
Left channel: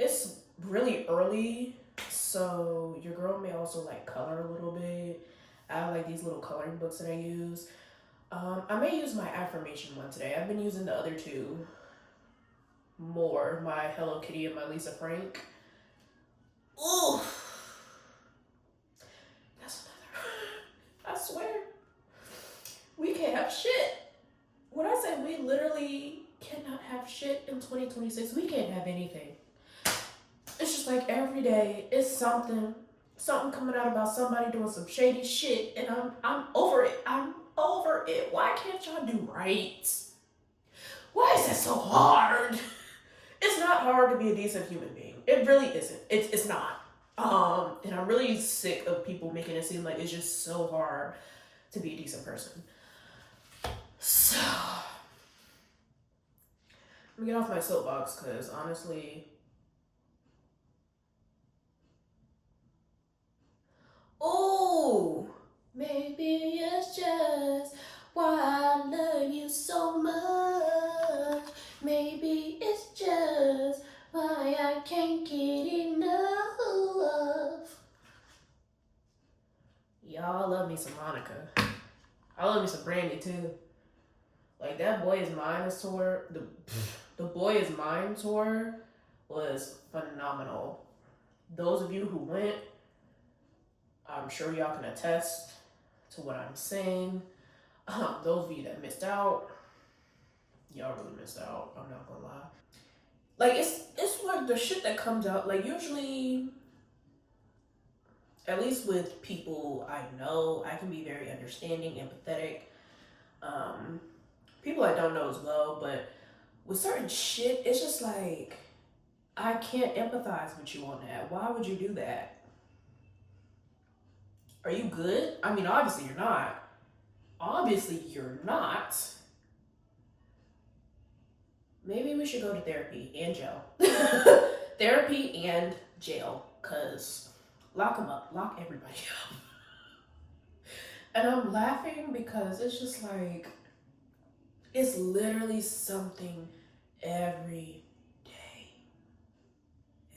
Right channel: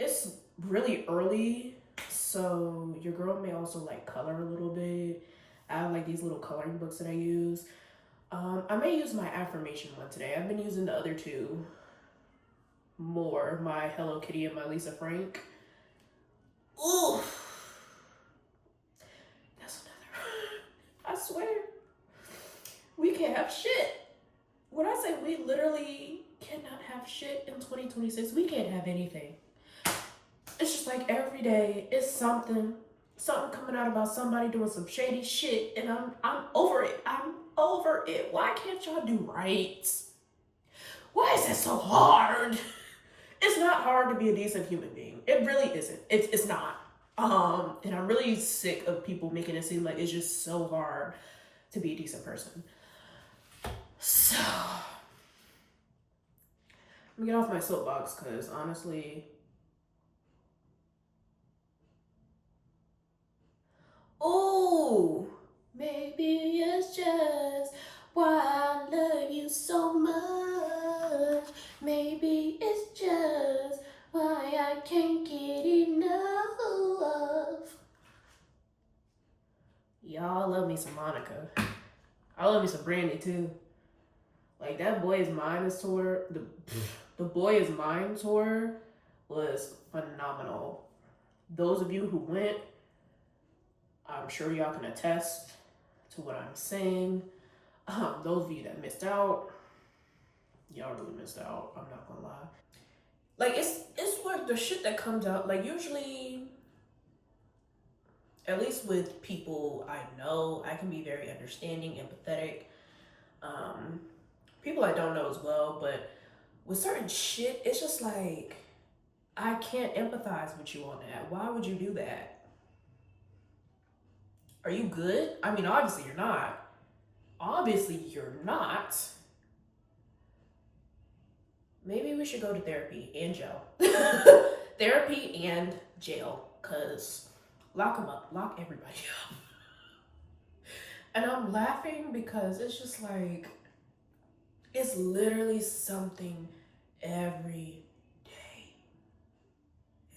It's really early, so your girl may also like color a little bit. I have like these little coloring books that I use. I may use my affirmation one today. I've been using the other two more, my Hello Kitty and my Lisa Frank. Ooh, that's another. I swear, we can't have shit. When I say we literally cannot have shit in 2026, we can't have anything. It's just like every day it's something coming out about somebody doing some shady shit, and I'm over it. I'm over it. Why can't y'all do right? Why is it so hard? It's not hard to be a decent human being. It really isn't. It's not. And I'm really sick of people making it seem like it's just so hard to be a decent person. So let me get off my soapbox because honestly, oh, maybe it's just why I love you so much. Maybe it's just why I can't get enough. Y'all love me some Monica. I love me some Brandy too. Like that Boy Is Mine is tour. The Boy Is Mine tour was phenomenal. Those of you who went, I'm sure y'all can attest to what I'm saying. Those of you that missed out, y'all really missed out. I'm not gonna lie. Like it's like the shit that comes out. Like usually, at least with people I know, I can be very understanding, empathetic. People I don't know as well, but with certain shit, it's just like I can't empathize with you on that. Why would you do that? Are you good? I mean, obviously you're not. Obviously you're not. Maybe we should go to therapy and jail. Therapy and jail, cause lock them up, lock everybody up. And I'm laughing because it's just like it's literally something every day.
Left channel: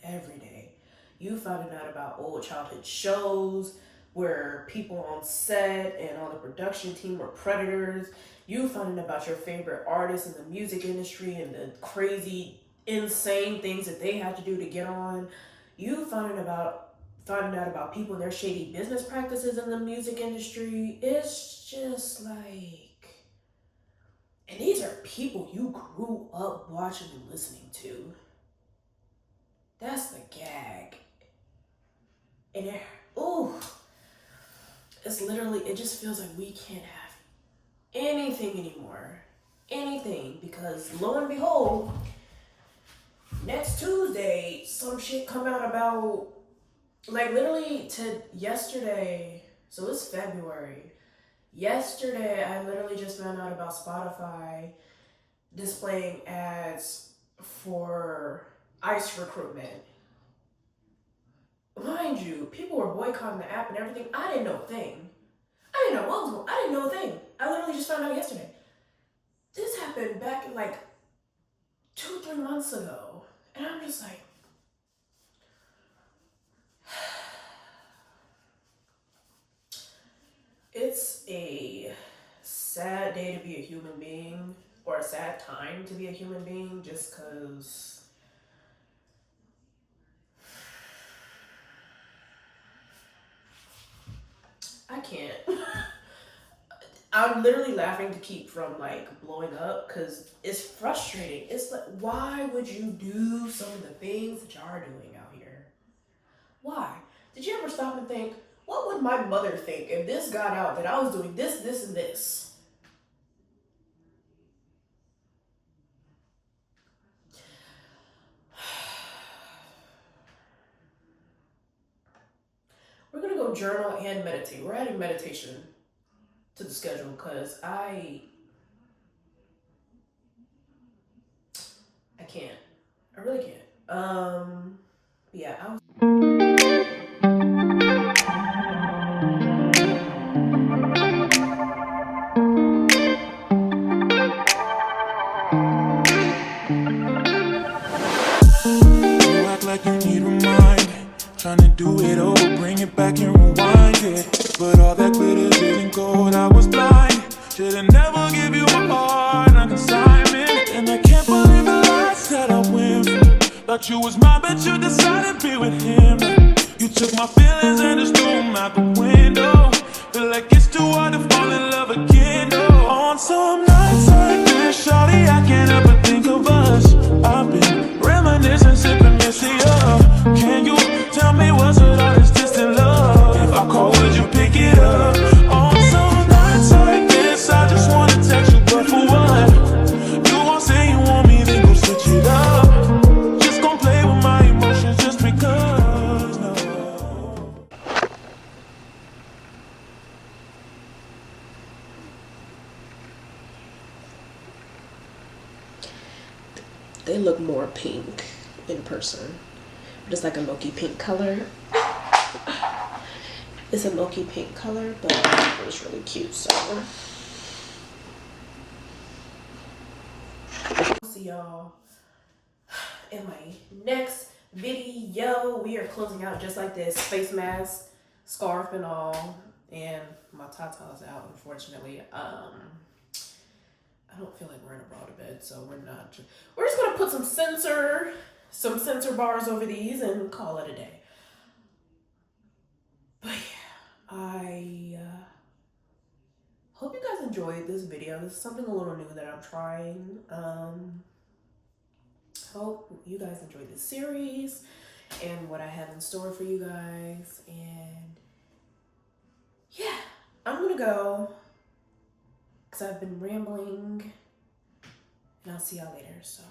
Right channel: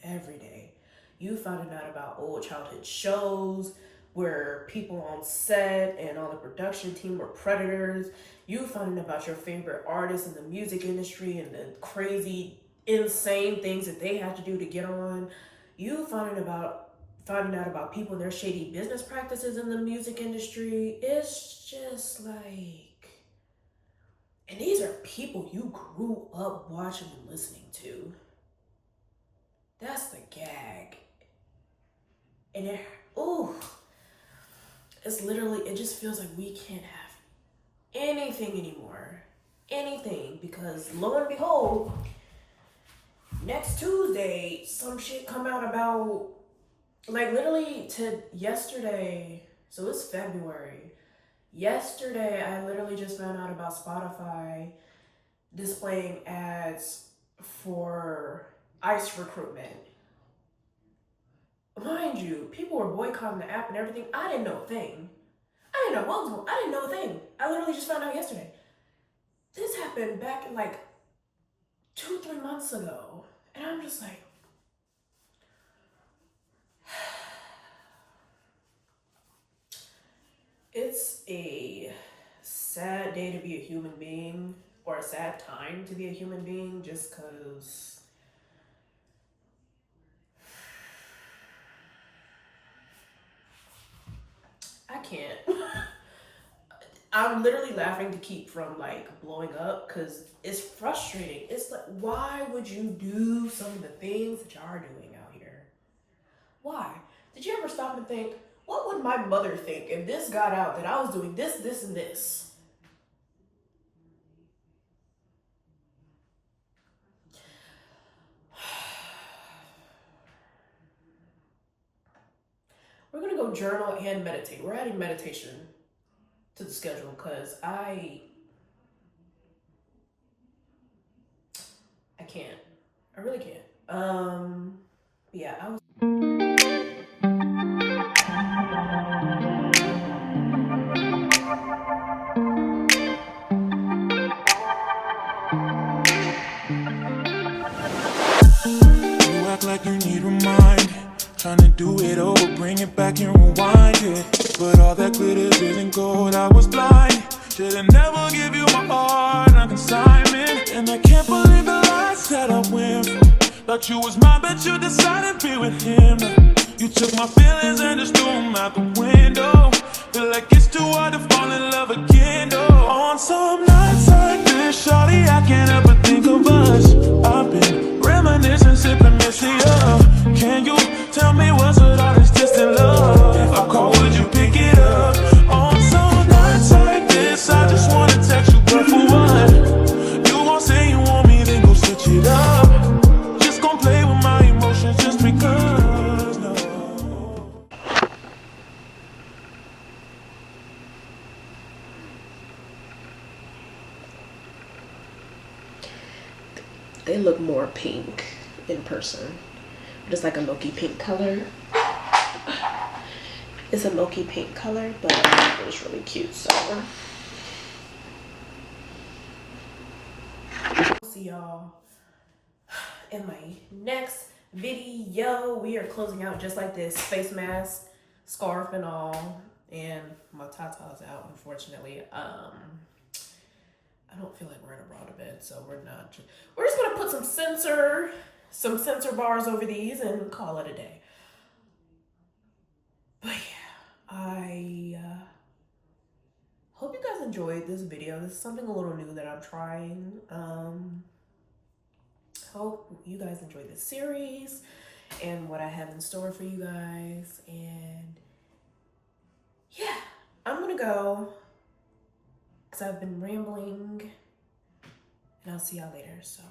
Every day. You finding out about old childhood shows where people on set and on the production team were predators. You finding about your favorite artists in the music industry and the crazy, insane things that they had to do to get on. You finding out about people and their shady business practices in the music industry. It's just like, and these are people you grew up watching and listening to. That's the gag. And it's literally, it just feels like we can't have anything anymore. Anything. Because lo and behold, next Tuesday, some shit come out about, like literally to yesterday, so it's February. Yesterday, I literally just found out about Spotify displaying ads for ICE recruitment. Mind you, people were boycotting the app and everything. I didn't know a thing. I didn't know what was going on. I didn't know a thing. I literally just found out yesterday. This happened back in like 2, 3 months ago. And I'm just like, it's a sad day to be a human being, or a sad time to be a human being, just because I can't. I'm literally laughing to keep from like blowing up because it's frustrating. It's like, why would you do some of the things that y'all are doing out here? Why? Did you ever stop and think, what would my mother think if this got out that I was doing this, this, and this? We're gonna go journal and meditate. We're adding meditation to the schedule because I can't. I really can't. Yeah, I was. You act like you need remind. Trying to do it over, bring it back and rewind it. But all that glitters isn't gold, I was blind. Should've never give you my heart on consignment. And I can't believe the lies that I went through. Thought you was mine, but you decided to be with him. You took my feelings and just threw them out the window. Feel like it's too hard to fall in love again, though. On some nights like this, shawty, I can't help but think of us. I've been reminiscing, sipping Missy up. Can you tell me what's with all this distant love? If I call, would you pick it up? On some nights like this, I just wanna text you, but for what? You won't say you want me, then go switch it up. Just gon' play with my emotions just because, no. They look more pink in person. Just like a milky pink color. It's a milky pink color, but it was really cute, so. See y'all in my next video. We are closing out just like this, face mask, scarf and all, and my tata's out, unfortunately. I don't feel like wearing a bra to bed, so we're just gonna put some sensor bars over these and call it a day. But yeah, I hope you guys enjoyed this video. This is something a little new that I'm trying. Hope you guys enjoy this series and what I have in store for you guys. And yeah, I'm gonna go because I've been rambling, and I'll see y'all later. So